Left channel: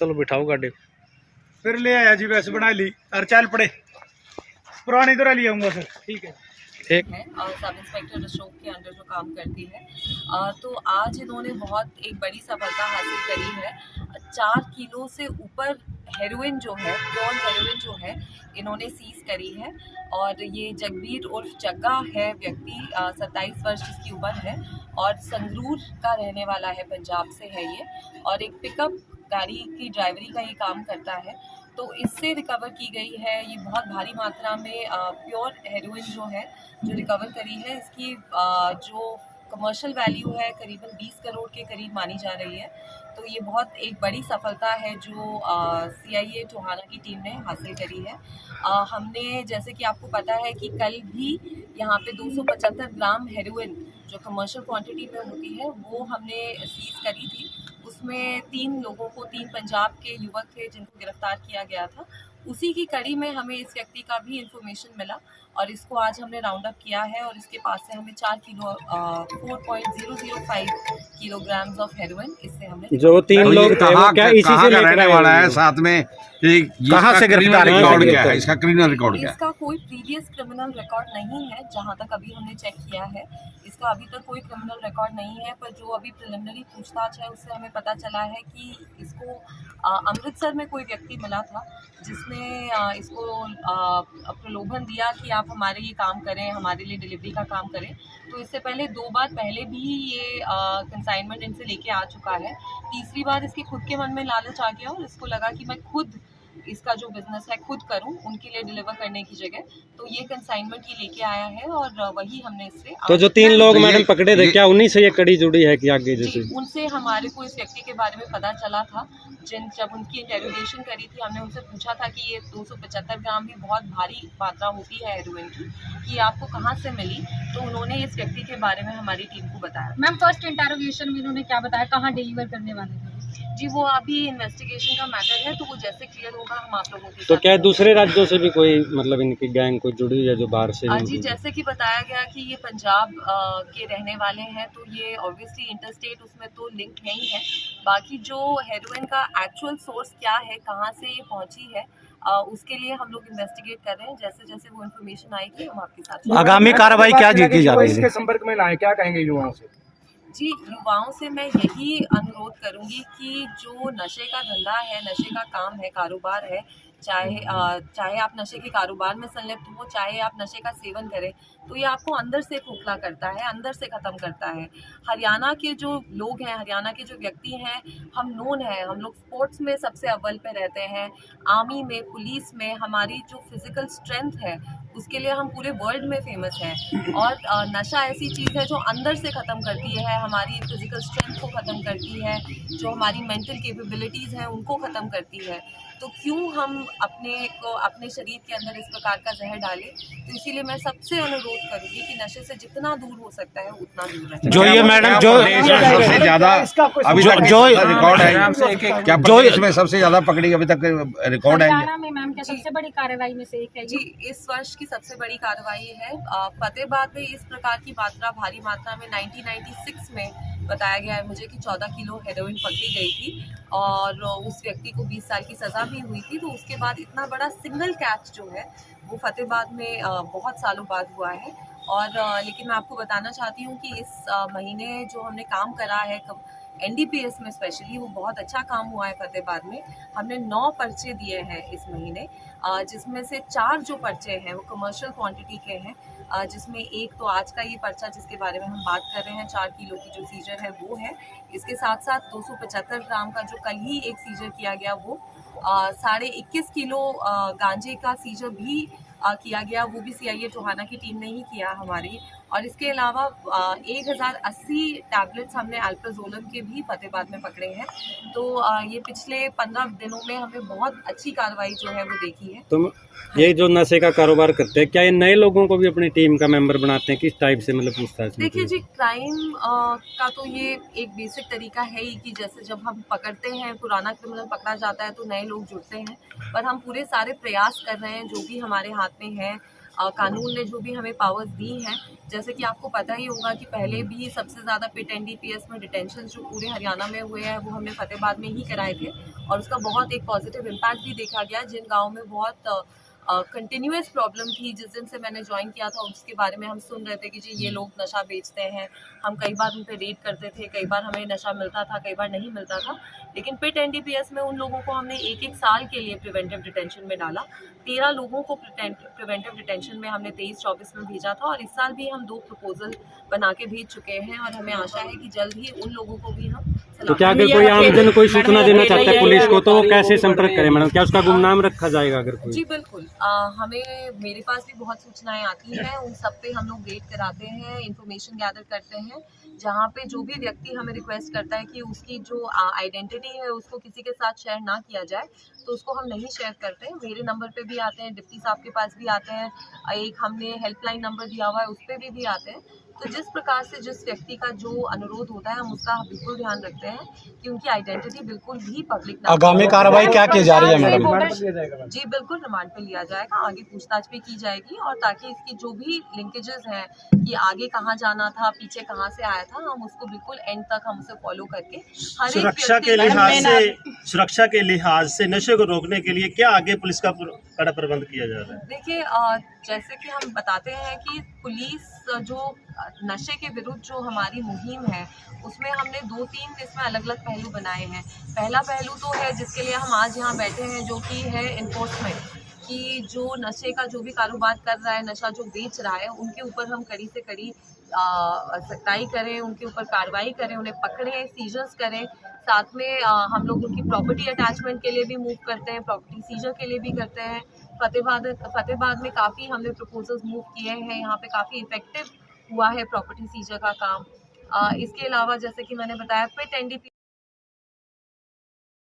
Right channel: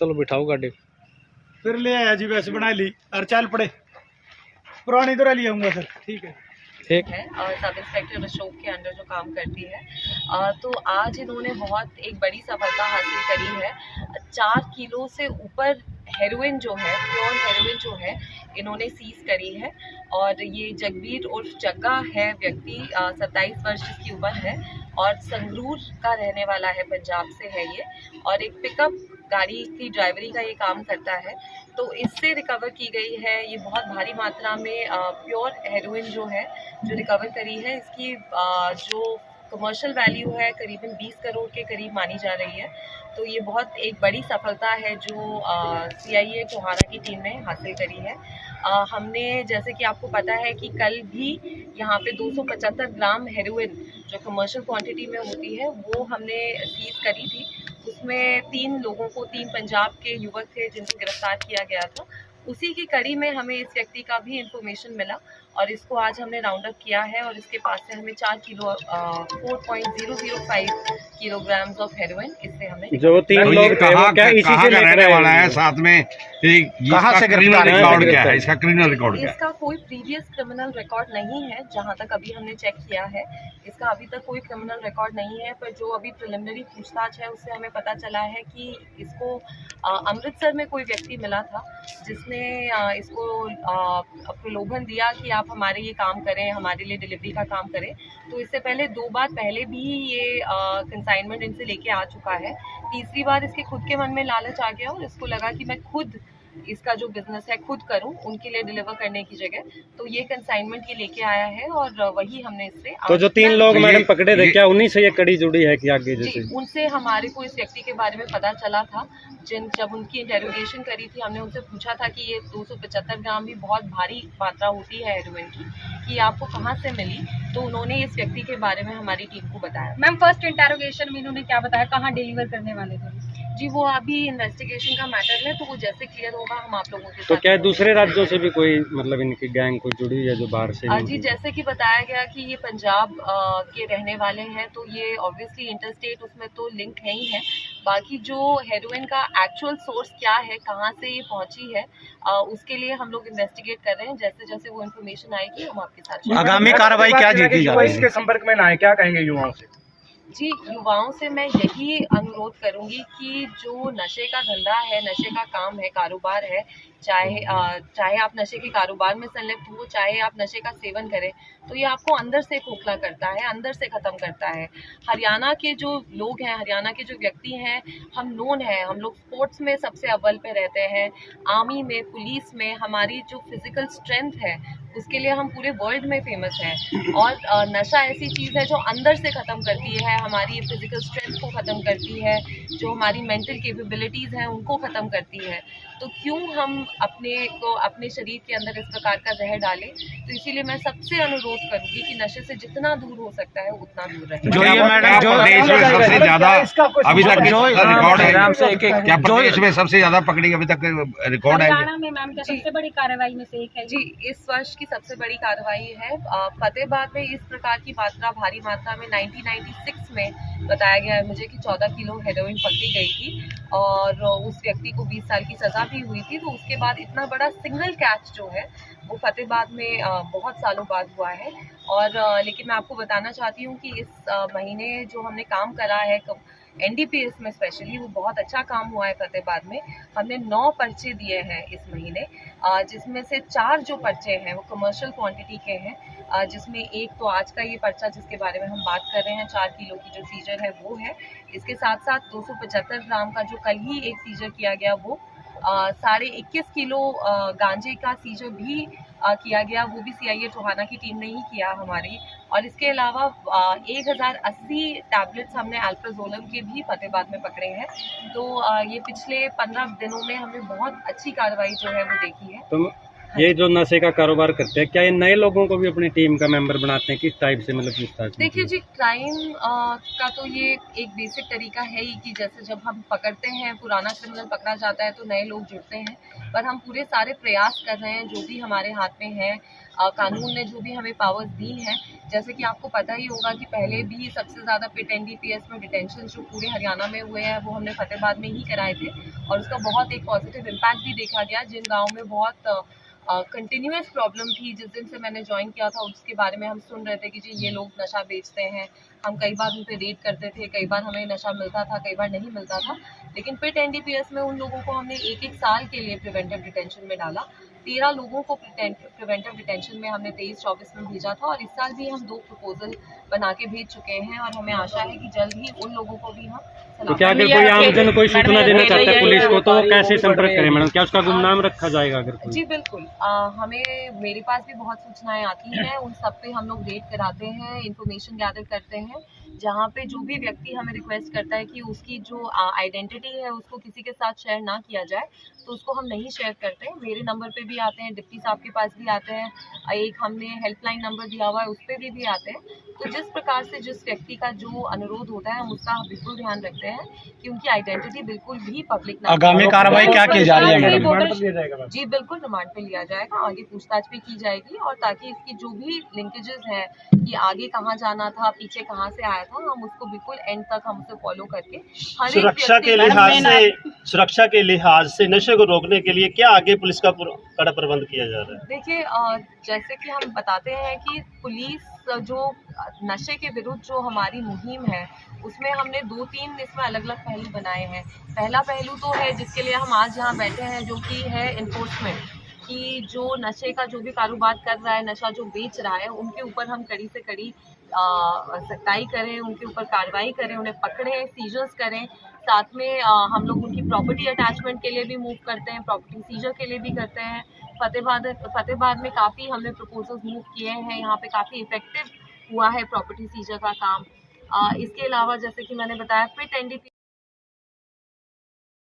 चलो बिठाओ गाड़ी। फिर ले आया जी, वैसे बना ली और चल पड़े। पुरानी तरह ले आऊंगा सर, ठीक है। ठीक है और सब इंस्पेक्टर अशोक के अंडर जो काम करती है। तो आज इन्होंने बहुत एक बड़ी सफलता हासिल करी है। 4 किलो से ऊपर हेरोइन जो है, प्योर हेरोइन जो है, इन्होंने सीज करी है। और ये जगबीर उर्फ जग्गा है व्यक्ति, 27 वर्ष इसकी उम्र है और संगरूर का रहने वाला है, पंजाब से है ये। और एक पिकअप गाड़ी की ड्राइवरी का ये काम करता है। तो इससे रिकवर की गई है ये बहुत भारी मात्रा में प्योर हेरोइन जो है, जो रिकवर करी है। इसकी जो कमर्शियल वैल्यू है करीबन 20 करोड़ के करीब मानी जा रही है। तो ये बहुत एक बड़ी सफलता है जो CIA टोहाना की टीम ने हासिल करी है। हमने, जैसे कि आपको पता है कि कल भी यहाँ पे 275 ग्राम हेरोइन जो कमर्शियल क्वांटिटी में होती है वो हमने सीज करी थी। उसमें 3 लोगों को, 3 पंजाब के युवक थे जिनको गिरफ्तार किया गया था। उसी की कड़ी में हमें इस व्यक्ति का भी इंफॉर्मेशन मिला और इसको आज हमने राउंड अप किया है और इसके पास से हमें 4 किलो 4.005 किलोग्राम्स ऑफ हेरोइन इससे हमने जो 3 लोग कहाँ का रहने वाला है, साथ में कहाँ से क्रिमिनल रिकॉर्ड क्या है, इसका क्रिमिनल रिकॉर्ड क्या है? इसका कोई प्रीवियस क्रिमिनल रिकॉर्ड नहीं है, जहां तक अभी हमने चेक किया है इसका अभी तक कोई क्रिमिनल रिकॉर्ड नहीं है। पर जो अभी प्रिलिमिनरी पूछताछ है उससे हमें पता चला है कि इसको अमृतसर में कोई व्यक्ति मिला था जिसने इसको प्रलोभन दिया कि आप हमारे ये काम करें, हमारे लिए डिलीवरी का काम करें। तो इससे पहले 2 बार पहले भी ये कंसाइनमेंट इनसे लेके आ चुका है। तीसरी बार इसके खुद के मन में लालच आ गया और इसको लगा कि मैं खुद इसका जो बिजनेस है खुद करूं, उनके लिए डिलीवर करने की जगह। तो ये कंसाइनमेंट ये लेके आया है और वही हमने इससे तो जो 3 लोग मैडम पकड़े थे, क्या उन्हीं से ये कड़ी जुड़ी है कि आगे जैसे? उनसे हमारे को इस व्यक्ति के बारे में पता चला था। जब उनकी इंटेरोगेशन करी थी, हमने उनसे पूछा था कि ये 275 ग्राम भी बहुत भारी मात्रा होती है हेरोइन की, कि आपको कहाँ से मिली। तो उन्होंने इस व्यक्ति के बारे में हमारी टीम को बताया। मैम, फर्स्ट इंटेरोगेशन में इन्होंने क्या बताया, कहाँ डिलीवर करने वाले थे? जी, वो अभी इन्वेस्टिगेशन का मैटर है, तो वो जैसे क्लियर होगा हम आप लोगों के साथ। तो क्या दूसरे राज्यों से भी कोई मतलब इनकी गैंग को जुड़ी है जो बाहर से? जी, जैसे कि बताया गया कि ये पंजाब के रहने वाले हैं, तो ये ऑब्वियसली इंटरस्टेट उसमें तो लिंक है ही है। बाकी जो हेरोइन का एक्चुअल सोर्स क्या है, कहाँ से ये पहुंची है, उसके लिए हम लोग इन्वेस्टिगेट कर रहे हैं। जैसे जैसे वो इन्फॉर्मेशन आएगी हम आपके साथ। आगामी कार्रवाई क्या की जा रही है? इसके संपर्क में लाएं, क्या कहेंगे युवाओं से? जी, युवाओं से मैं यही अनुरोध करूंगी कि जो नशे का धंधा है, नशे का काम है, कारोबार है, चाहे आप नशे के कारोबार में संलिप्त हो, चाहे आप नशे का सेवन करें, तो ये आपको अंदर से खोखला करता है, अंदर से ख़त्म करता है। हरियाणा के जो लोग हैं, हरियाणा के जो व्यक्ति हैं, हम नोन हैं, हम लोग स्पोर्ट्स में सबसे अव्वल पे रहते हैं, आर्मी में, पुलिस में हमारी जो फिज़िकल स्ट्रेंथ है उसके लिए हम पूरे वर्ल्ड में फेमस हैं। और नशा ऐसी चीज़ है जो अंदर से ख़त्म करती है, हमारी फिज़िकल स्ट्रेंथ को ख़त्म करती है, जो हमारी मेंटल कैपेबिलिटीज़ हैं उनको ख़त्म करती है। तो क्यों हम अपने शरीर के अंदर इस प्रकार का जहर डालें? तो इसीलिए मैं सबसे अनुरोध करूंगी कि नशे से जितना दूर हो सकता है उतना दूर रहें। जो ये मैडम जो देश में सबसे ज्यादा अभी तक जो रिकॉर्ड है, क्या प्रदेश में सबसे ज्यादा पकड़ी अभी तक रिकॉर्ड है? हरियाणा में मैम क्या सबसे बड़ी कार्रवाई में से एक है? जी, इस वर्ष की सबसे बड़ी कार्रवाई है। फतेहाबाद में इस प्रकार की मात्रा, भारी मात्रा में 1996 में बताया गया है मुझे कि 14 किलो हेरोइन पकड़ी गई थी और उस व्यक्ति को 20 साल की सजा भी हुई थी। तो उसके बाद इतना बड़ा सिंगल कैच जो है वो फतेहाबाद में बहुत सालों बाद हुआ है। और लेकिन मैं आपको बताना चाहती हूँ कि इस महीने जो हमने काम करा है NDPS में स्पेशली, वो बहुत अच्छा काम हुआ है फतेहाबाद में। हमने 9 पर्चे दिए हैं इस महीने, जिसमें से 4 जो पर्चे हैं वो कमर्शियल क्वांटिटी के हैं, जिसमें एक तो आज का ये पर्चा जिसके बारे में हम बात कर रहे हैं, 4 किलो की जो सीजर है वो है। इसके साथ साथ 275 ग्राम का जो कल ही एक सीजर किया गया वो 21.5 किलो गांजे का सीजर भी किया गया, वो भी CIA टोहाना की टीम ने ही किया हमारी। और इसके अलावा 1080 टैबलेट्स हमने अल्प्राजोलम के भी फतेहाबाद में पकड़े हैं। तो ये पिछले 15 दिनों में हमने बहुत अच्छी कार्रवाई जो है वो देखी है। तो ये जो नशे का कारोबार करते हैं, क्या ये नए लोगों को भी अपनी टीम का मेंबर बनाते हैं? किस टाइप से मतलब पूछताछ? देखिए जी, क्राइम का तो ये एक बेसिक तरीका है ही कि जैसे जब हम पकड़ते हैं, पुराना क्रिमिनल पकड़ा जाता है तो नए लोग जुड़ते हैं। पर हम पूरे सारे प्रयास कर रहे हैं जो भी हमारे हाथ में है, कानून ने जो भी हमें पावर्स दी हैं, जैसे कि आपको पता ही होगा कि पहले भी सबसे ज़्यादा पिट NDPS में डिटेंशन जो पूरे हरियाणा में हुए हैं वो हमने फतेहाबाद में ही कराए थे, और उसका बहुत एक पॉजिटिव इम्पैक्ट भी देखा गया। जिन गाँव में बहुत कंटिन्यूस प्रॉब्लम थी, जिस दिन से मैंने ज्वाइन किया था उसके बारे में हम सुन रहे थे कि जी ये लोग नशा बेचते हैं, हम कई बार उन पे रेड करते थे, कई बार हमें नशा मिलता था, कई बार नहीं मिलता था, लेकिन पिट NDPS में उन लोगों को हमने एक साल के लिए प्रिवेंटिव डिटेंशन में डाला। 13 लोगों को प्रिवेंटिव डिटेंशन में हमने 23-24 में भेजा था, और इस साल भी हम 2 प्रपोजल बना के भेज चुके हैं, और हमें आशा है कि जल्द ही उन लोगों को भी हम तो क्या अगर कोई आमजन कोई सूचना देना चाहता है पुलिस को तो वो कैसे संपर्क करें मैडम? क्या उसका गुमनाम रखा जाएगा अगर कोई? जी बिल्कुल, मेरे पास भी बहुत सूचनाएं आती हैं, उन सब पे हम लोग रेड कराते हैं, इंफॉर्मेशन गैदर करते हैं। जहाँ पे जो भी व्यक्ति हमें रिक्वेस्ट करता है कि उसकी जो आइडेंटिटी है उसको किसी के साथ शेयर ना किया जाए, तो उसको हम नहीं शेयर करते हैं। मेरे नंबर पे भी आते हैं, डिप्टी साहब के पास भी आते हैं, एक हमने हेल्पलाइन नंबर दिया हुआ है उस पर भी आते हैं। तो जिस प्रकार से जिस व्यक्ति का जो अनुरोध होता है हम उसका बिल्कुल ध्यान रखते हैं कि उनकी आइडेंटिटी बिल्कुल भी पब्लिक ना। आगामी कार्रवाई क्या की जा रही है मैडम? जी बिल्कुल, रिमांड पे लिया जाएगा, आगे पूछताछ भी की जाएगी, और ताकि इसकी जो भी लिंकेजेस हैं कि आगे कहाँ जाना था, पीछे कहाँ से आया था, हम उसको बिल्कुल एंड तक हम उसे फॉलो करके हर एक सुरक्षा के लिहाज से नशे को रोकने के लिए क्या आगे पुलिस का कड़ा प्रबंध किया जा रहा है? देखिए, जैसे कि हम बताते हैं कि पुलिस जो नशे के विरुद्ध जो हमारी मुहिम है उसमें हमने 2-3 इसमें अलग अलग पहलू बनाए हैं। पहला पहलू तो है जिसके लिए हम आज यहाँ बैठे हैं, जो कि है इन्फोर्समेंट, कि जो नशे का जो भी कारोबार कर रहा है, नशा जो बेच रहा है, उनके ऊपर हम कड़ी से कड़ी सख्ताई करें, उनके ऊपर कार्रवाई करें, उन्हें पकड़ें, सीजर्स करें। साथ में हम लोग उनकी प्रॉपर्टी अटैचमेंट के लिए भी मूव करते हैं, प्रॉपर्टी सीजर के लिए भी करते हैं। फतेहाबाद में काफ़ी हमने प्रपोजल्स मूव किए हैं, यहाँ पे काफ़ी इफेक्टिव हुआ है प्रॉपर्टी सीजर का काम। इसके अलावा जैसे कि मैंने बताया, पिट NDPS